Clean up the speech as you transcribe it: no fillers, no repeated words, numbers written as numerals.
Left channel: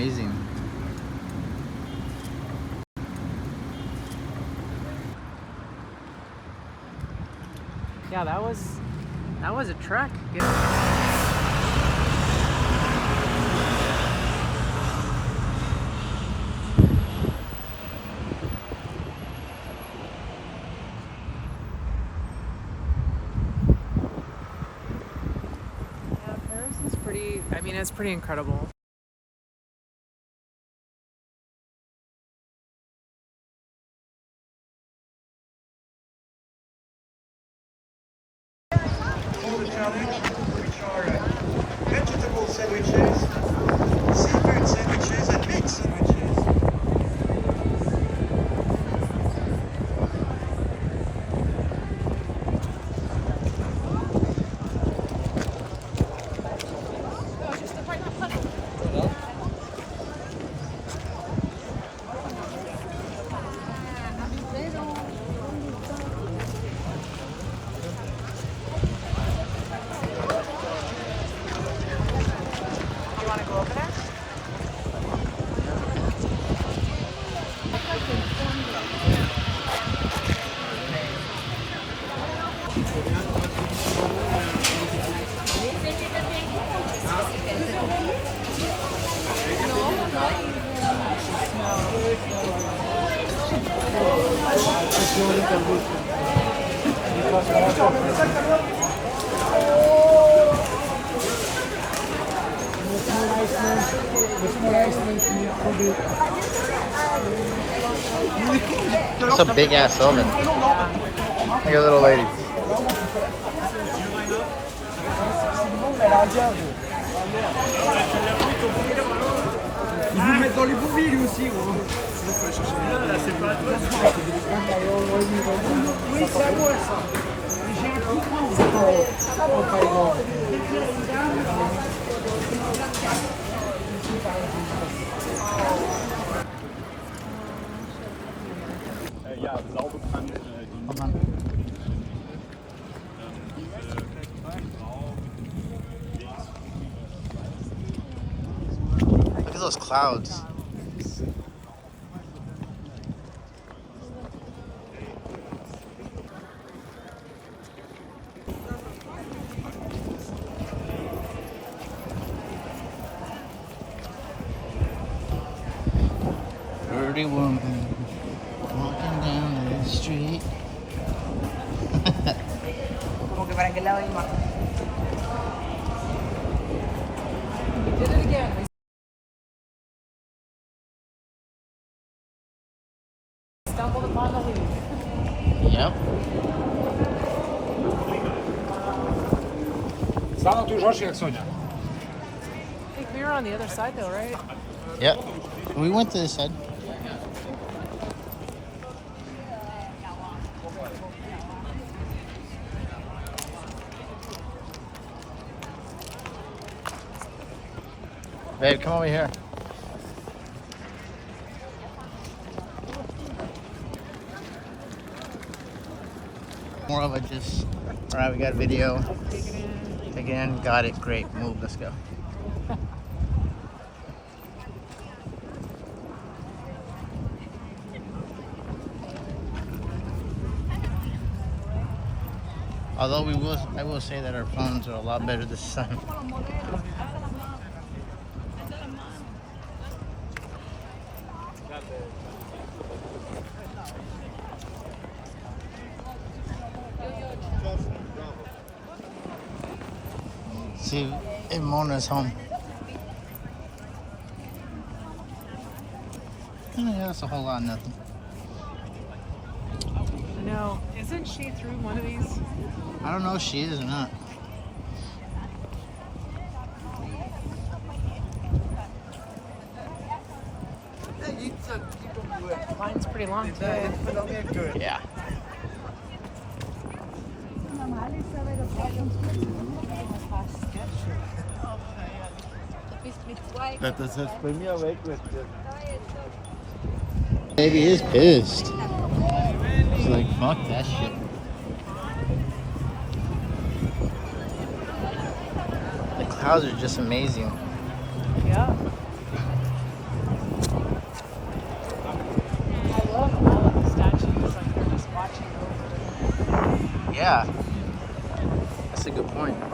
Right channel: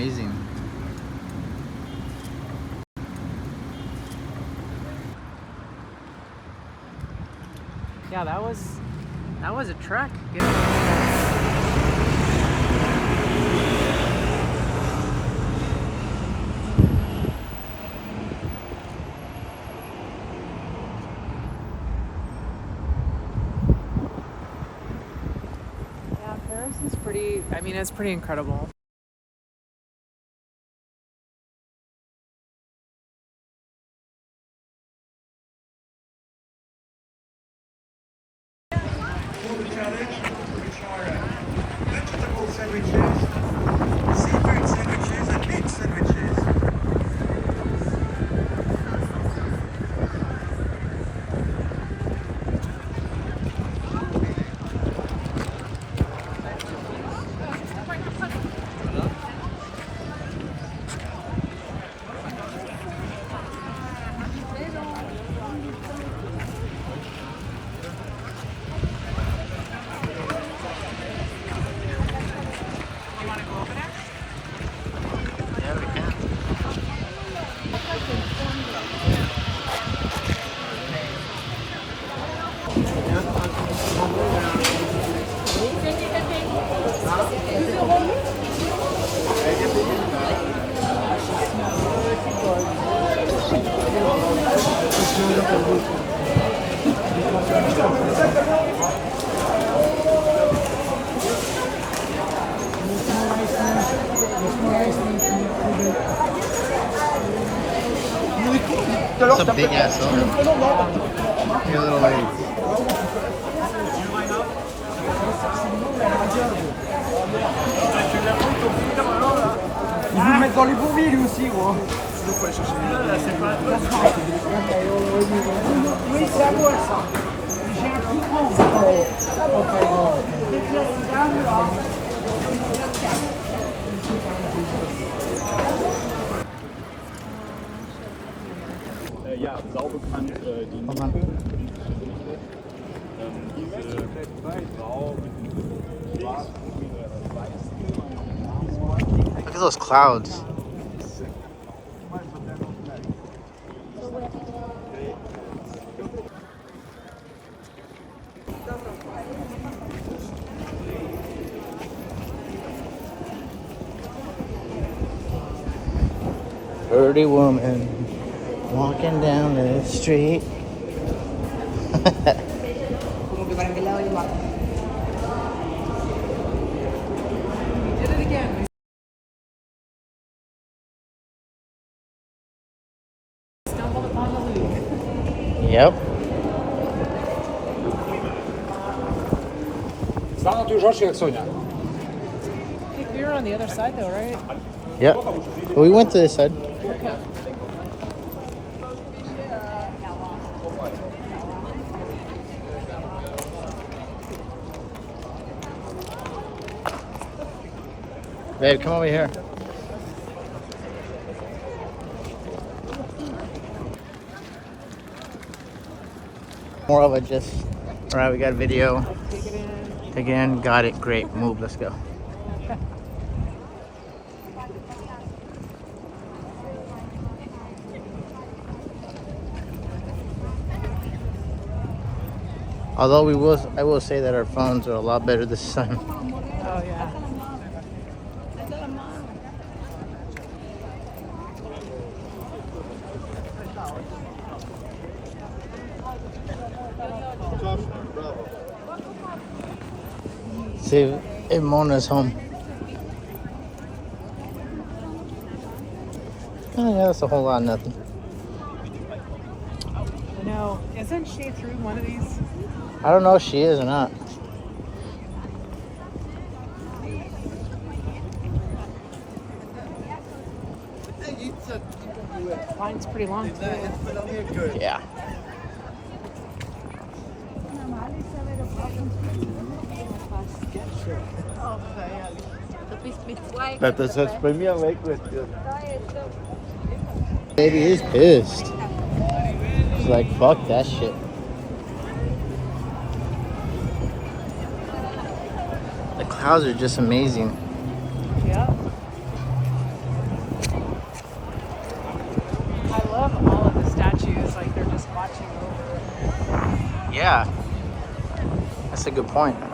amazing. Yeah, that was a trek. I mean, it's pretty incredible. Challenge, which are vegetable sandwiches, seafood sandwiches, and meat sandwiches. It's a big ass building. Hey, little lady. Ils vous mettent dans les bourbilles aussi, gros. Oui, c'est à moi ça. J'ai un coup grand. Ja, sauber kann die Look at those clouds. Pretty woman walking down the street. We did it again. We stumbled upon the Louvre. Yep. Stała tu już oczy jak Sonia. I think we were on the other side though, right? Yep. We went to this side. Babe, come over here. More of it just. All right, we got a video. Take it in. Got it. Great. Move. Let's go. Although I will say that our phones are a lot better this sun. Oh yeah. See if Mona's home. Oh, that's a whole lot of nothing. I know. Isn't she through one of these? I don't know if she is or not. Line's pretty long today. Yeah. Das hat's bei mir weggestellt. Baby is pissed. She's like, fuck that shit. The clouds are just amazing. Yeah. good point.